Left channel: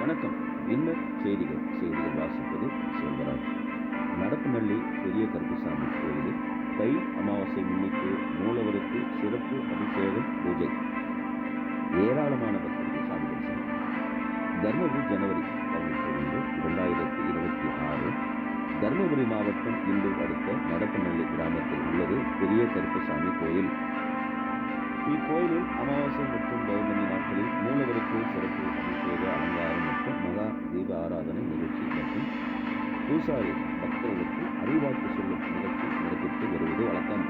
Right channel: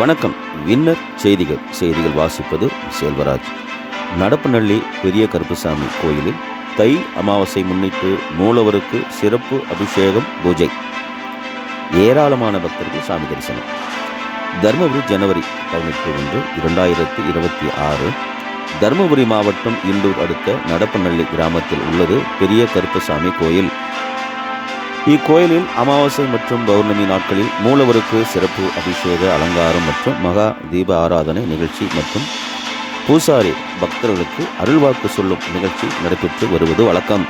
வணக்கம். வின்னர் செய்திகள் வாசிப்பது செல்வராஜ். நடப்புநள்ளி பெரிய கருப்புசாமி கோயிலில் தை அமாவாசை முன்னிட்டு மூலவருக்கு சிறப்பு அபிஷேகம் பூஜை. ஏராளமான பக்தர்கள் சாமி தரிசனம். தருமபுரி ஜனவரி 18, 2026. தருமபுரி மாவட்டம் இண்டூர் அடுத்த நடப்புநள்ளி கிராமத்தில் உள்ளது பெரிய கருப்புசாமி கோயில். இக்கோயிலில் அமாவாசை மற்றும் பௌர்ணமி நாட்களில் மூலவருக்கு சிறப்பு அபிஷேக அலங்காரம் மற்றும் மகா தீப ஆராதனை நிகழ்ச்சி மற்றும் பூசாரி பக்தர்களுக்கு அருள்வாக்கு சொல்லும் நிகழ்ச்சி நடைபெற்று வருவது வழக்கம்.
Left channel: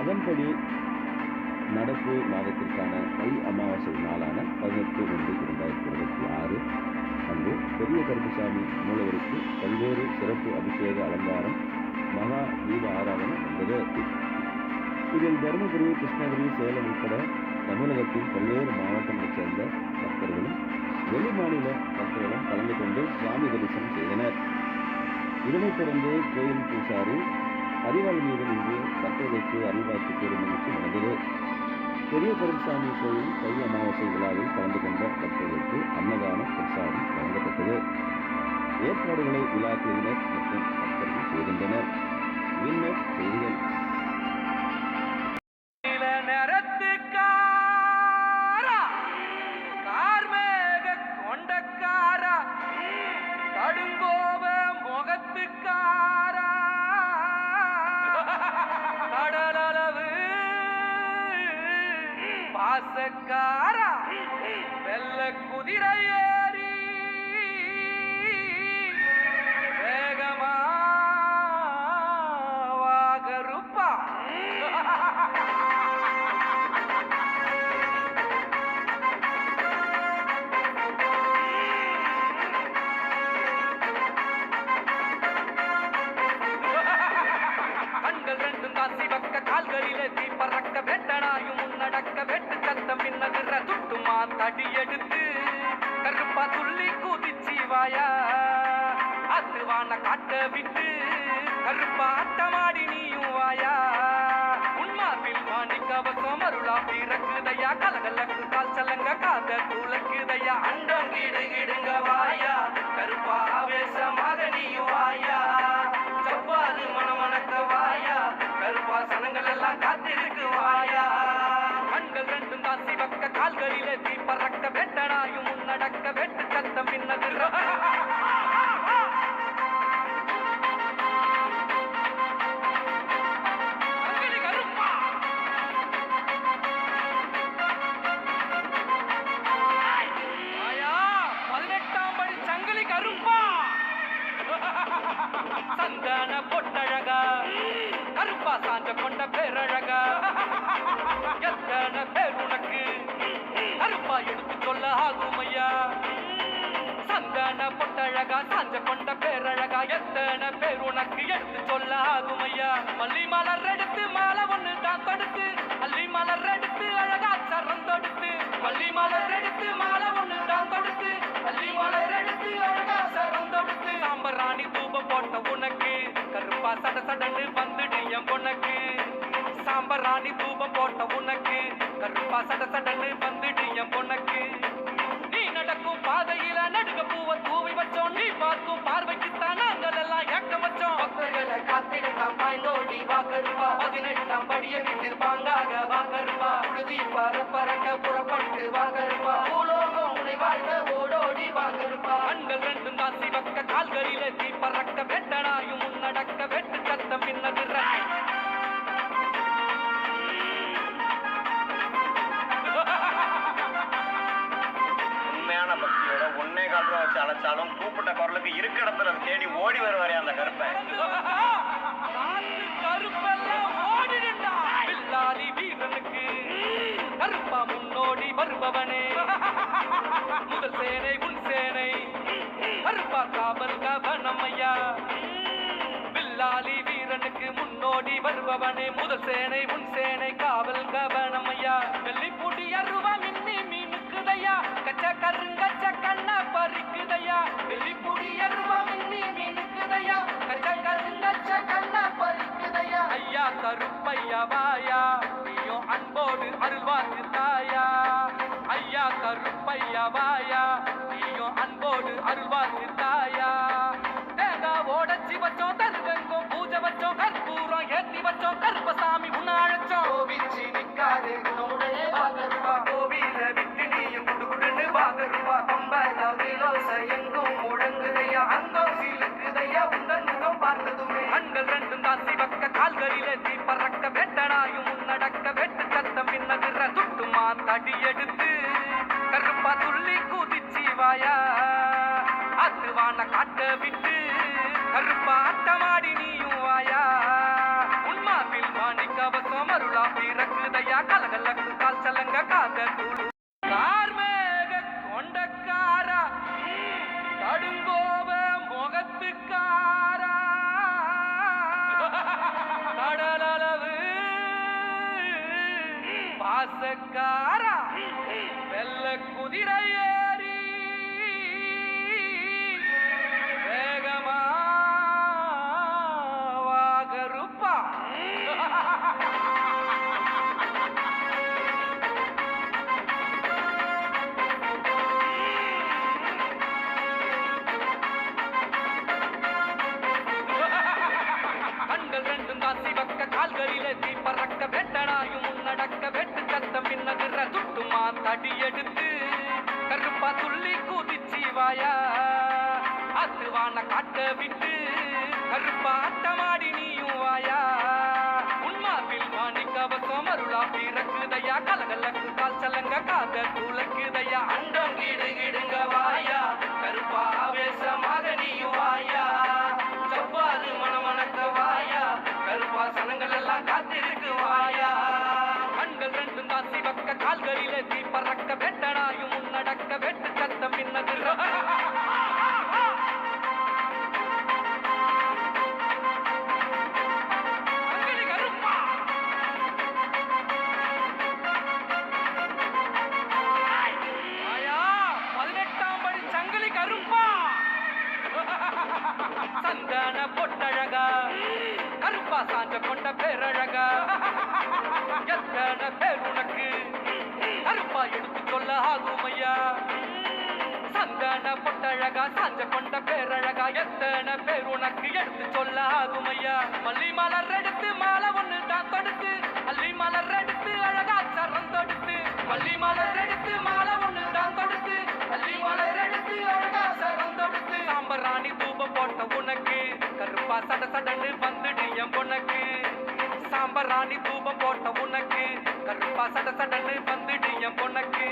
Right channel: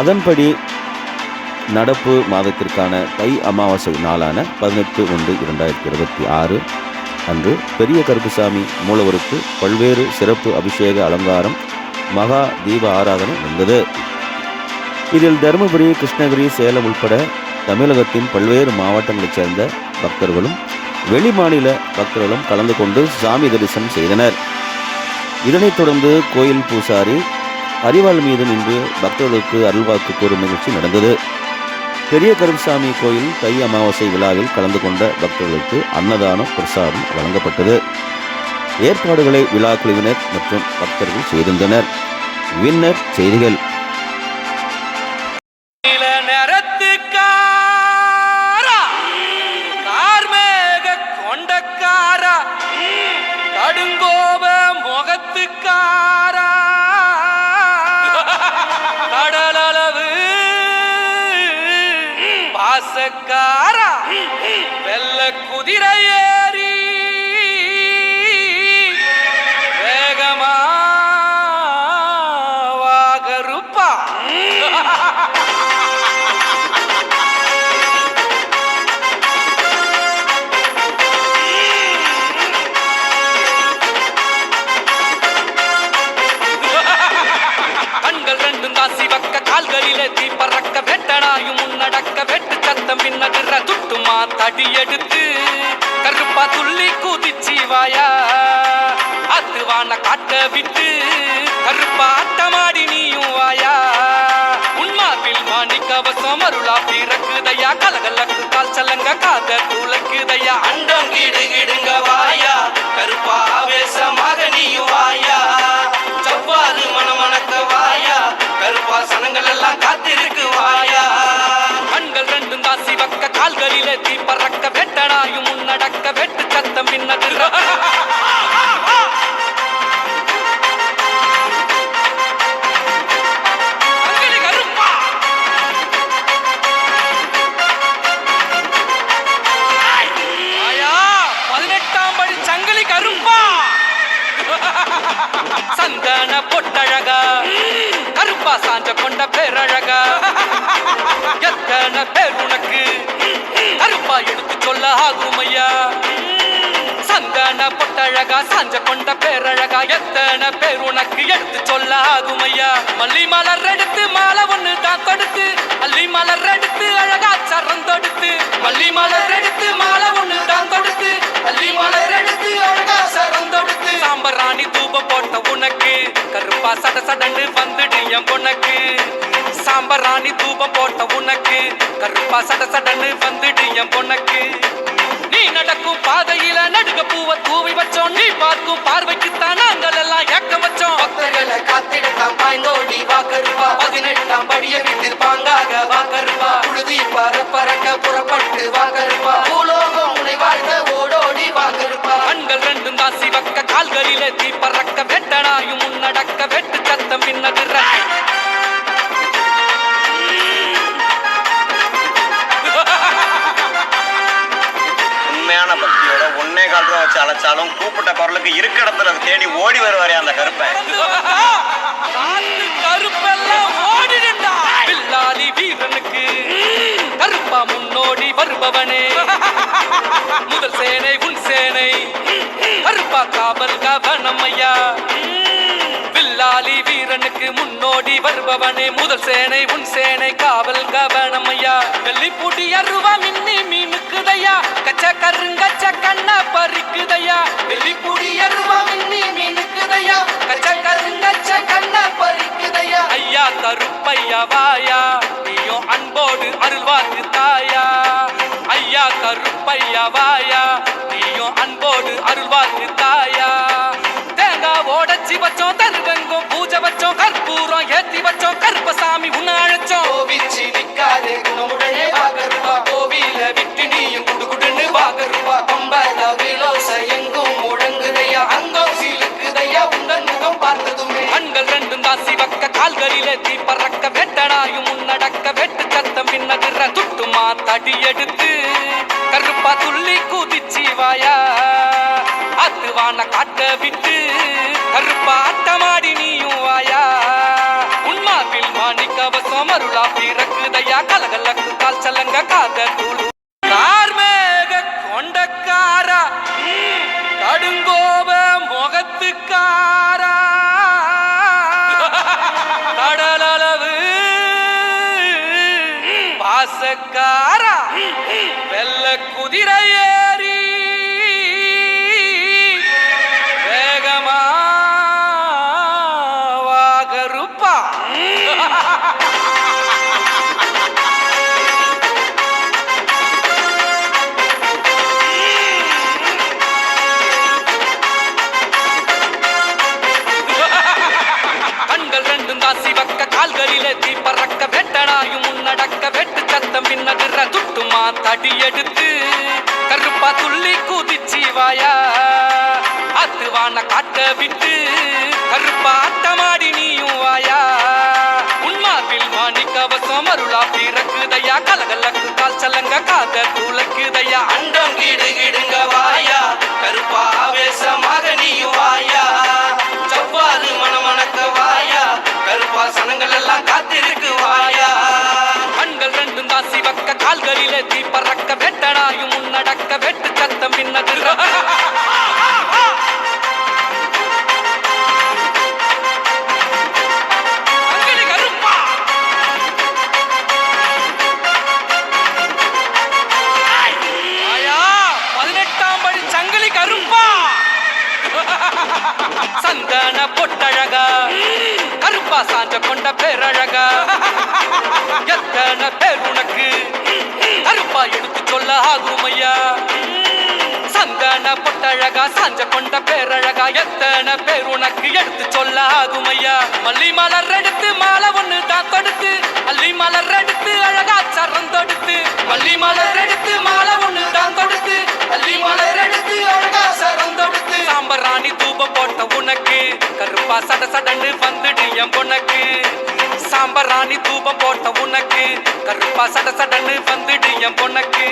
அதன்படி நடப்பு மாதத்திற்கான தை அமாவாசை நாளான 18/1/2026 அன்று பெரிய கருப்புசாமி மூலவருக்கு பல்வேறு சிறப்பு அபிஷேக அலங்காரம் மகா தீப ஆராதனை நடந்தது. இதில் தருமபுரி, கிருஷ்ணகிரி, சேலம் உட்பட தமிழகத்தின் பல்வேறு மாவட்டங்களைச் சேர்ந்த பக்தர்களும் வெளிமாநில பக்தர்களும் கலந்து கொண்டு சாமி தரிசனம் செய்தனர். இதனைத் தொடர்ந்து கோயில் பூசாரி அரிவாள் மீது நின்று பக்தர்களுக்கு அருள்வாக்கு கூறும் நிகழ்ச்சி நடந்தது. பெரிய கருப்புசாமி கோயில் தை அமாவாசை விழாவில் கலந்து கொண்ட பக்தர்களுக்கு அன்னதானம் பிரசாதம் வழங்கப்பட்டது. ஏற்பாடுகளை விழா குழுவினர் மற்றும் பக்தர்கள் செய்திருந்தனர். வின்னர் செய்திகள். வெள்ள குதிரை ஏறி வேகமா வாகருப்பா. கண்கள் ரெண்டும் தாசி வக்க கால்களிலே தீ பறக்க வெட்டனாயும் முன்னடக்க வெட்டு சத்தம் பின்னகிற துட்டுமா தடி எடுத்து கருப்பா துள்ளி குதிச்சி வாயா அதுவான காட்ட விட்டு கருப்பா ஆட்டமாடி நீயும் வாயா. உன்மாவில் மாணிக்கவசம் அருளா பிறக்குதையா கலகலக்கு கால் சலங்க காத துளக்குதையா அண்டம் கிடுகிடுங்க வாயா கருப்பா ஆவேசமாக நீயும் வாயா. செவ்வாறு மணமணக்க வாயா கருப்பா சனங்கள் எல்லாம் காத்திருக்கு வாயா. கண்கள் ரெண்டும் தாசி வக்க கால்களிலே தீ பறக்க வெட்டனாயும் முன்னடக்க வெட்டு சத்தம் பின்னகிற கருப்பா. 18ஆம் படி சங்கிலி கருப்பா. சந்தன பொட்டழகா கருப்பா சாஞ்ச கொண்ட பேரழகா எத்தனை பேர் உனக்கு கருப்பா எடுத்து சொல்ல ஆகுமையா. சந்தன பொட்டழகா சாஞ்ச கொண்ட பேரழகா எத்தனை பேர் உனக்கு எடுத்து சொல்ல ஆகுமையா. மல்லி மலர் எடுத்து மாலை ஒண்ணு தான் கொடுத்து மல்லி மலர் எடுத்து அழகா சரம் தொடுத்து மல்லி மலர் எடுத்து மாலை ஒண்ணு தான் கொடுத்து மல்லி மலர் எடுத்து அழகா சரம் தொடுத்து சாம்பராணி தூபம் போட்ட உனக்கு கருப்பா சட சடன்னு வந்துடு என் பொண்ணுக்கு. சாம்பராணி தூபம் போட்ட உனக்கு கருப்பா சட சடன்னு வந்துடு என் பொண்ணுக்கு. நீ நடக்கும் பாதையில நடுக பூவை தூவி வச்சோம் நீ பார்க்கும் பார்வைக்குத்தான் நாங்கள் எல்லாம் ஏக்கம் வச்சோம். பக்தர்களை காத்திடத்தான் பாய்ந்தோடி வாக்கருப்பா 18ஆம் படிய விட்டு பாங்காக வாக்கருப்பா. புழுதி பறக்க புறப்பட்டு வாக்கருப்பா பூலோகம் உன்னை வாழ்ந்த ஓடோடி வாக்கருப்பா. கண்கள் ரெண்டும் தாசி வக்க கால்களிலே தீ பறக்க வெட்டனாயும் முன்னடக்க வெட்டு சத்தம் பின்னகிற பக்தியோட 1.25 ரூபா வச்சு அழைச்சாலும் கூப்பிட்ட குரலுக்கு இருக்க இடத்துல தேடி ஓடி வருவாரே அந்த கருப்பன். கருப்பெல்லாம் ஓடிடுண்டா. பில்லாலி வீரனுக்கு கருப்பா முன்னோடி வருபவனே முதல் சேனை உன் சேனை கருப்பா காவல் கவனமையா. வில்லாலி வீரனுக்கு முன்னோடி வருபவனே முதல் சேனை உன் சேனை காவல் கவனமையா. வெள்ளிப்பூடி அருவா மின்னி மீனுக்குதையா கச்ச கருங்கச்ச கண்ண பறிக்குதையா. வெள்ளிப்பூடி அருவா மின்னி மீனுக்குதையா கச்ச கருங்கச்ச கண்ண பறிக்குதையா. ஐயா கருப்பையா வாயா நீயும் அன்போடு அருள்வாக்கு தாயா ஐயா கருப்பையா வாயா நீயும் அன்போடு அருள்வாக்கு தாயா தேங்காய் ஓடச்சி வச்சோம் தருவெங்கும் பூஜை வச்சோம் கற்பூரம் ஏத்தி வச்சோம் கருப்பசாமி உன்னை அழைச்சோம் கோவிச்சி நிக்காதே குணமுடனே வாகருவா கோவில விட்டு நீயும் குடுகுடுன்னு வாகருவா பம்பல விலோச எங்கும் முழங்குதையா அங்கம் சீலுக்குதையா உங்கள் முகம் பார்த்ததுமே கண்கள் ரெண்டும் தான் சிவக்க கால்களிலே தீ பறக்க வெட்டனாயும் முன்னடக்க வெட்டு சத்தம் பின்னதிர துட்டுமா தடி எடுத்து கருப்பா துள்ளி குதிச்சி வாயா அத்துவான காட்ட விட்டு கருப்பா அட்டமாடி நீயும் வாயா உன்மாவில் மாணிக்கவசம் அருளா பிறக்குதையா கலகலக்கு கால் சலங்க காத தூளு கார்மேக கொண்டக்காரா கடுங்கோப முகத்துக்காரா கடலளவு பாசக்காரா வெள்ள குதிரை ஏறி வேகமா வாகருப்பா கண்கள் ரெண்டும் தான் சிவக்க கால்களிலே தீ பறக்க வெட்டனாயும் முன்னடக்க வெட்டு சத்தம் பின்னதிர துட்டுமா தடி எடுத்து கருப்பா துள்ளி குதிச்சி வாயா அத்துவான காட்ட விட்டு கருப்பா அட்டமாடி நீயும் வாயா உன்மாவில் மாணிக்கவசம் அருளா பிறக்குதையா கலகலக்கு கால் சலங்க காத தூளக்குதையா அண்டம் கிடு கிடுங்க வாயா கருப்பா ஆவேசமாக நீயும் வாயா செவ்வாறு மணமணக்க வாயா கருப்பா சனங்கள் எல்லாம் காத்திருக்கு வாயா கண்கள் ரெண்டும் தான் சிவக்க கால்களிலே தீ பறக்க வெட்டனாயும் முன்னடக்க வெட்டு சத்தம் பின்னதிர சங்கிலி கருப்பா ஆயா 18ஆம் படி சங்கிலி கருப்பா சந்தன பொட்டழகா கருப்பா சாஞ்ச கொண்ட பேரழகா எத்தனை பேர் உனக்கு கருப்பா எடுத்து சொல்ல ஆகுமையா சந்தன பொட்டழகா சாஞ்ச கொண்ட பேரழகா எத்தனை பேர் உனக்கு எடுத்து சொல்ல ஆகுமையா மல்லி மலர் எடுத்து மாலை ஒண்ணு தான் தொடுத்து அள்ளி மலர் எடுத்து அழகா சரம் தொடுத்து மல்லி மலர் எடுத்து மாலை ஒண்ணு தான் தொடுத்து அள்ளி மலர் எடுத்து அழகா சரம் தொடுத்து சாம்பராணி தூபம் போட்ட உனக்கு கருப்பா சட சடன்னு வந்துடு என் பொனக்கு சாம்பராணி தூபம் போட்ட உனக்கு கருப்பா சட சடன்னு வந்துடு என் பொனக்கு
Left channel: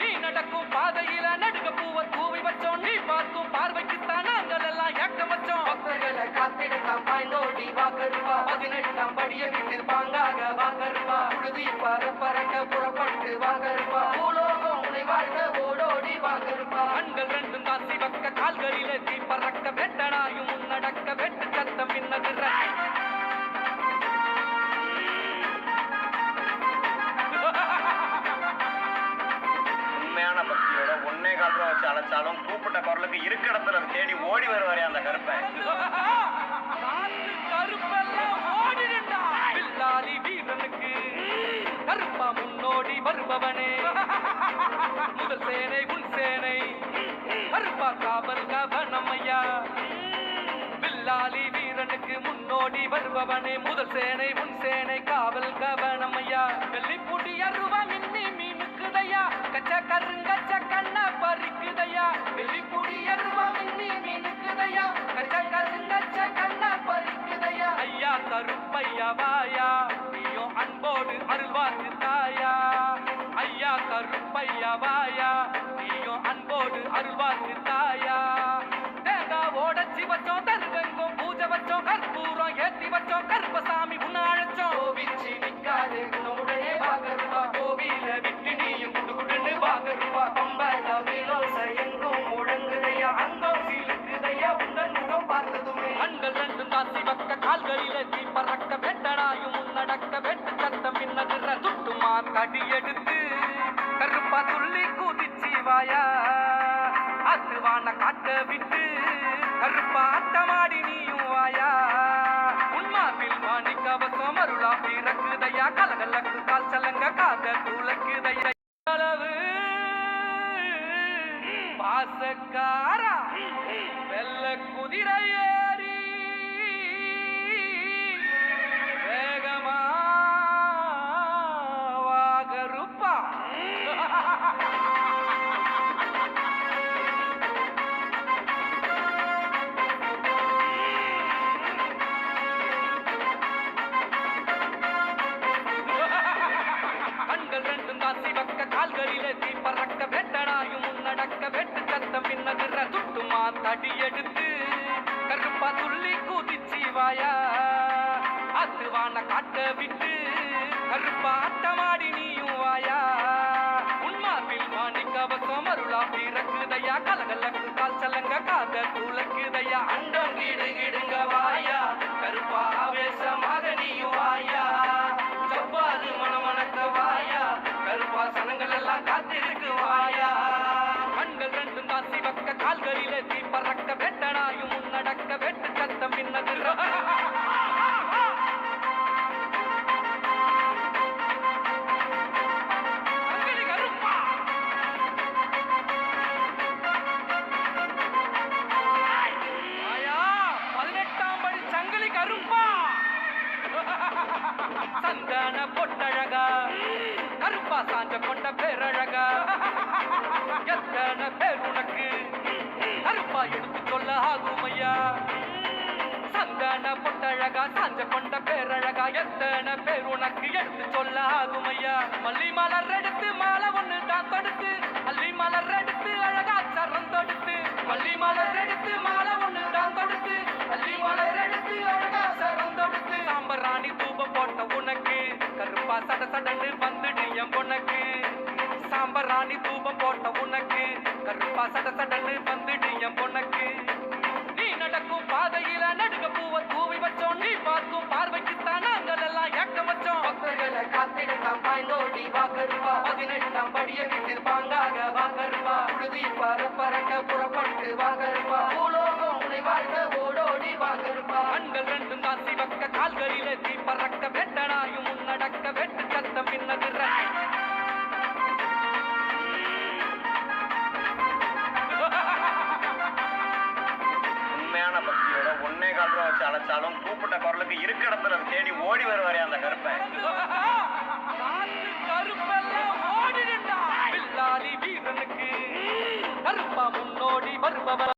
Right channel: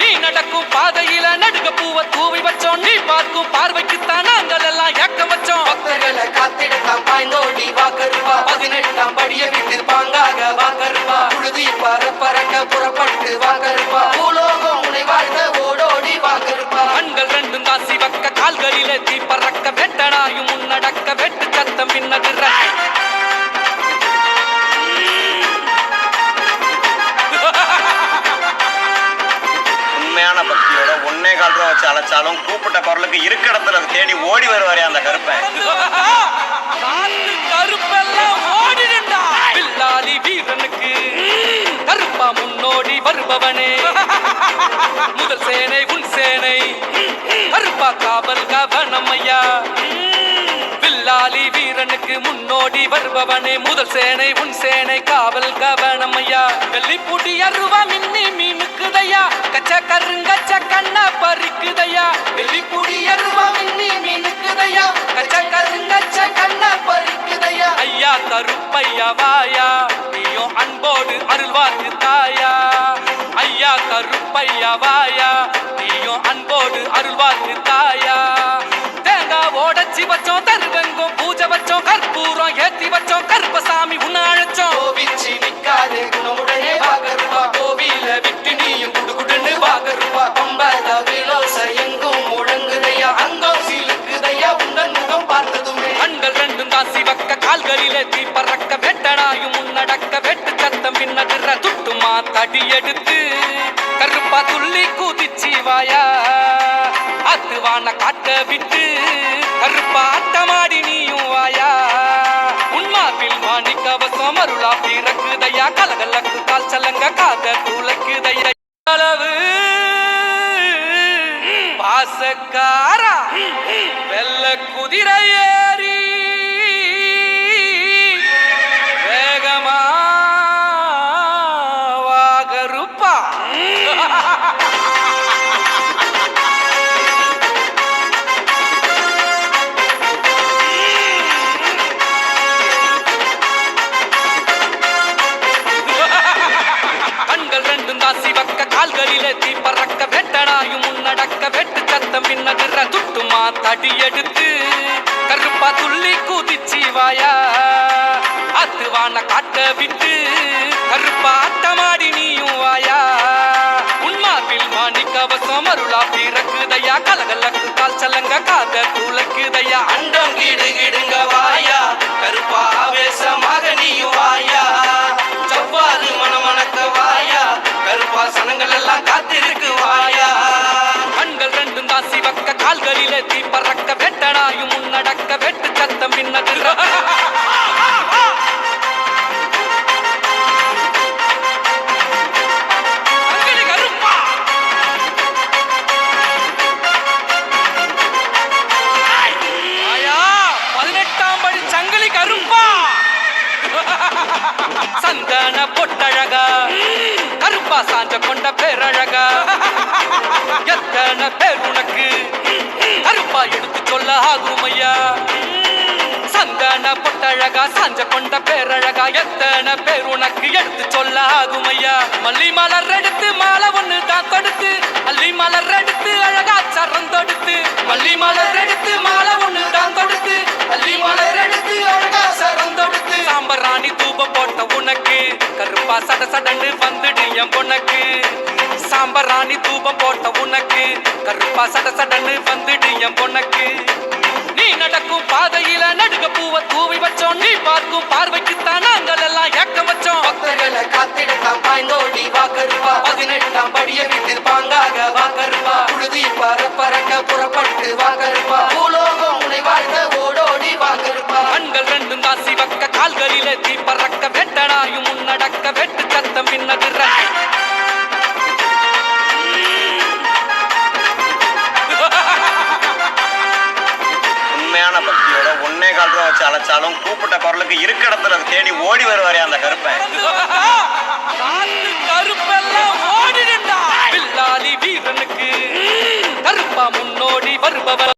நீ நடக்கும் பாதையில நடுக பூவை தூவி வச்சோம் நீ பார்க்கும் பார்வைக்குத்தான் நாங்கள் எல்லாம் ஏக்க வச்சோம் பக்தர்களை காத்திடலாம் பாய்ந்தோடி வாக்கருவா 18ஆம் படிய விட்டு பாங்காக வாக்கருவா புழுதி பறக்க புறப்பட்டு வாக்கருவா பூலோகம் உனை வாழ்ந்த ஓடோடி வாக்கருவா கண்கள் ரெண்டும் தான் சிவக்க கால்களிலே தீ பறக்க வெட்டனாயும் முன்னடக்க வெட்டு சத்தம் பின்னதிர உண்மையான பக்தியோட ஒன்னே கால் ரூபா வச்சு அழைச்சாலும் கூப்பிட்ட குரலுக்கு இருக்க இடத்துல தேடி ஓடி வருவாரே அந்த கருப்பன் கருப்பெல்லாம் ஓடிடுண்டா பில்லாலி வீரனுக்கு கருப்பா முன்னோடி வருபவனே முதல் சேனை உன் சேனை கருப்பா காவல் கவனமையா வில்லாலி வீரனுக்கு முன்னோடி வருபவனே முதல் சேனை உன் சேனை காவல் கவனமையா வெள்ளி பூட்டி அருவா மின்னி மீனுக்குதையா கச்ச கருங்கச்ச கண்ண பறிக்குதையா வெள்ளி பூட்டி அருவா மின்னி மீனுக்குதையா கச்ச கருங்கச்ச கண்ண பறிக்குதையா ஐயா கருப்பையா வாயா நீயும் அன்போடு அருள்வாக்கு தாயா ஐயா கருப்பையா வாயா நீயும் அன்போடு அருள்வாக்கு தாயா தேங்காய் ஓடச்சி வச்சோம் தருவெங்கும் பூஜை வச்சோம் கற்பூரம் ஏத்தி வச்சோம் கருப்பசாமி உன்னை அழைச்சோம் கோவிச்சி நிக்காதே குணமுடனே வாகருவா கோவில விட்டு நீயும் குடுகுடுன்னு வாகருவா பம்பல விலோச எங்கும் முழங்குதையா அங்கம் சீலுக்குதையா உங்கள் முகம் பார்த்ததுமே கண்கள் ரெண்டும் தான் சிவக்க கால்களிலே தீ பறக்க வெட்டனாயும் முன்னடக்க வெட்டு சத்தம் பின்னதிர துட்டுமா தடி எடுத்து கருப்பா துள்ளி குதிச்சி வாயா அத்துவான காட்ட விட்டு கருப்பா அட்டமாடி நீயும் வாயா உன்மாவில் மாணிக்கவசம் கவசம் அருளா பிறக்குதையா கலகலக்கு கால் சலங்க காத துளைக்குதையா அளவு பாசக்காரா வெள்ள குதிரை ஏறி வேகமா வாகருப்பா கண்கள் ரெண்டும் தான் சிவக்க கால்களிலே தீ பறக்க வெட்டனாயும் முன்னடக்க வெட்டு சத்தம் பின்னதிர துட்டுமா தடி எடுத்து கருப்பா துள்ளி குதிச்சி வாயா அத்துவான காட்ட விட்டு கருப்பா ஆட்டமாடி நீயும் வாயா உன்மார்பில் மாணி கவசம் அருளா பிறக்குதையா கலகலக்கு கால் சலங்க காத துளைக்குதையா அண்டம் கீடு கிடுங்க வாயா கருப்பா ஆவேசமாக நீயும் வாயா ஜவ்வாது மனமணக்க வாயா கருப்பா சனங்கள் எல்லாம் காத்திருக்கு வாயா கண்கள் ரெண்டும் தான் சிவக்க கால்களிலே தீ பறக்க வெட்டனாயும் முன்னடக்க வெட்டு சத்தம் பின்னதிர சந்தன பொட்டழகா கருப்பா சாஞ்ச கொண்ட பேரழகா எத்தனை பேர் உனக்கு கருப்பா எடுத்து சொல்ல ஆகுமையா சந்தன பொட்டழகா சாஞ்ச கொண்ட பேரழகா எத்தனை பேர் உனக்கு எடுத்து சொல்ல ஆகுமையா மல்லி மலர் எடுத்து மாலை ஒண்ணு தான் கொடுத்து அள்ளி மலர் எடுத்து அழகா சரம் தொடுத்து மல்லி மலர் எடுத்து மாலை ஒண்ணு தான் கொடுத்து அள்ளி மலர் எடுத்து அழகா சரம் தொடுத்து சாம்பராணி தூபம் போட்ட உனக்கு கருப்பா சட சடன்னு வந்துடு என் பொண்ணுக்கு சாம்பராணி தூபம் போட்ட உனக்கு கருப்பா சட சடன்னு வந்துடு என் பொண்ணுக்கு நீ நடக்கும் பாதையில நடுக பூவை தூவி வச்சோம் நீ பார்க்கும் பார்வைக்குத்தான் நாங்கள் எல்லாம் ஏக்கம் வச்சோம் பக்தர்களை காத்திடத்தான் பாய்ந்தோடி வாக்கருவா 18ஆம் படிய விட்டு பாங்காக வாக்கருவா புழுதி பறக்க புறப்பட்டு வாக்கருவா பூலோகம் உனை வாழ்ந்த ஓடோடி வாக்கருவா கண்கள் ரெண்டும் தான் சிவக்க கால்களிலே தீ பறக்க வெட்டனாயும் முன்னடக்க வெட்டு சத்தம் பின்னதிர உண்மையான பக்தியோட ஒன்னே கால் ரூபா வச்சு அழைச்சாலும் கூப்பிட்ட குரலுக்கு இருக்க இடத்துல தேடி ஓடி வருவாரே அந்த கருப்பன். கருப்பெல்லாம் ஓடிடுண்டா பில்லாலி வீரனுக்கு கருப்பா முன்னோடி வருபவர்